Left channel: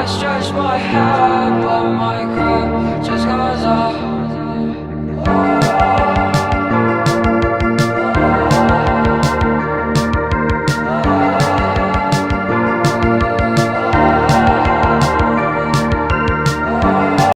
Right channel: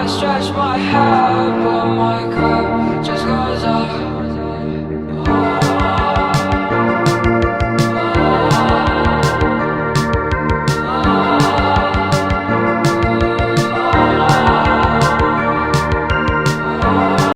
I stretch my hand, but my cup just goes up.